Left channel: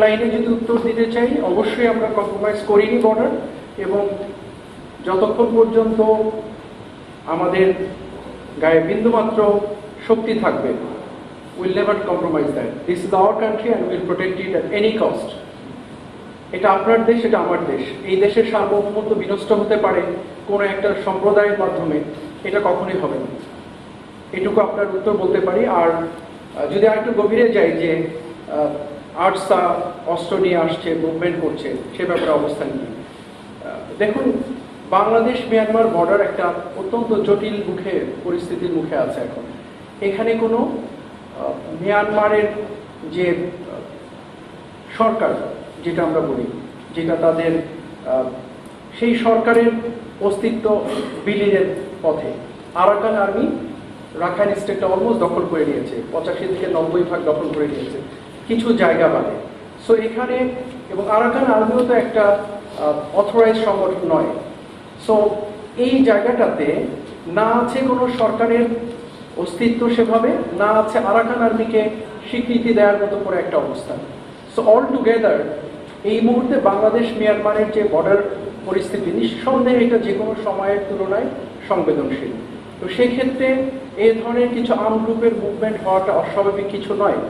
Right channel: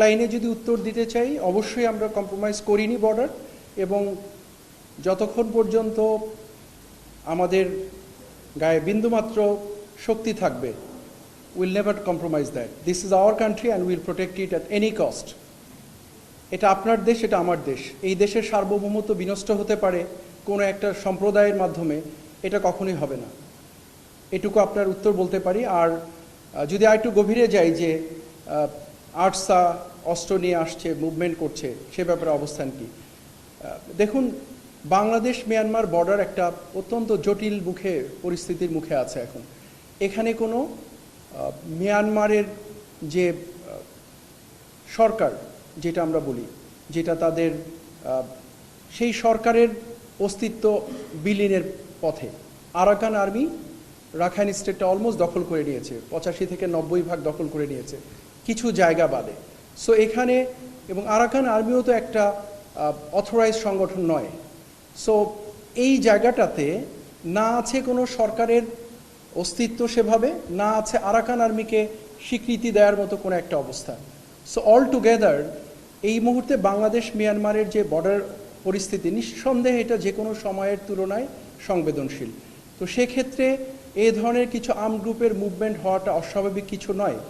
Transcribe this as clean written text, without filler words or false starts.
লাইনে যদি উত্তর দিতে চাই, অবশ্যই আমরা কম্প্রোমাইজ করিনি বর্ডার, এবং যতক্ষণ পর্যন্ত আমাদের গায়ে বিন্দুমাত্র শক্তি থাকবে, will never compromise that. This is our country and will protect it at any cost. এটা আপনার দেশ, এটা আমার দেশ। এই দেশের সার্বভৌমত্ব বিনষ্ট হতে পারে কোনো একটা সম্প্রদায়ের মাধ্যমে, এটা কখনোই হবে না। এটুকু আপনার উত্তর বলতে পারি। আর যদি আর একটু গভীরে যাই যে আর্টসা অস্ত্র নিয়ে আসছে, মুভমেন্ট করছে, সে ব্যাপারে অবস্থান নিয়ে দেখুন, বাংলাদেশ মিয়ানমার বর্ডার একটা অত্যন্ত জটিল পরিস্থিতির মুখে আছে এখন। এখানে কোনো মিয়ানমারের যে সরকার, যেটা আমরা বলি, যেটা তাদের সেই সরকারের অস্তিত্ব বিলীনের পথে। আরাকান আর্মি রাখাইন স্টেটটা অলমোস্ট দখল করে নিয়েছে, 85 থেকে 90% দখল করে নিয়েছে, কিছু জায়গা বাদে। সো এখানে, এবং আরাকান আর্মিও তো একটা অথরাইজ সংগঠন নয়। সো এই জায়গাটাতে না আছে কোনো সরকারের অস্তিত্ব সেভাবে, না আছে আরাকান আর্মিকে স্বীকৃতি দেওয়ার মতো করে একটা অবস্থান। সো অল টুগেদার এই মুহূর্তে বাংলাদেশ মিয়ানমারের যে বর্ডার পরিস্থিতি, নিঃসন্দেহে এটা যে কোনো সময়ের তুলনায় সংবেদনশীল। তো সেক্ষেত্রে এই ধরনের কিছু আর্ম গ্রুপের মুভমেন্ট হওয়াটা অস্বাভাবিক কিছু নয়।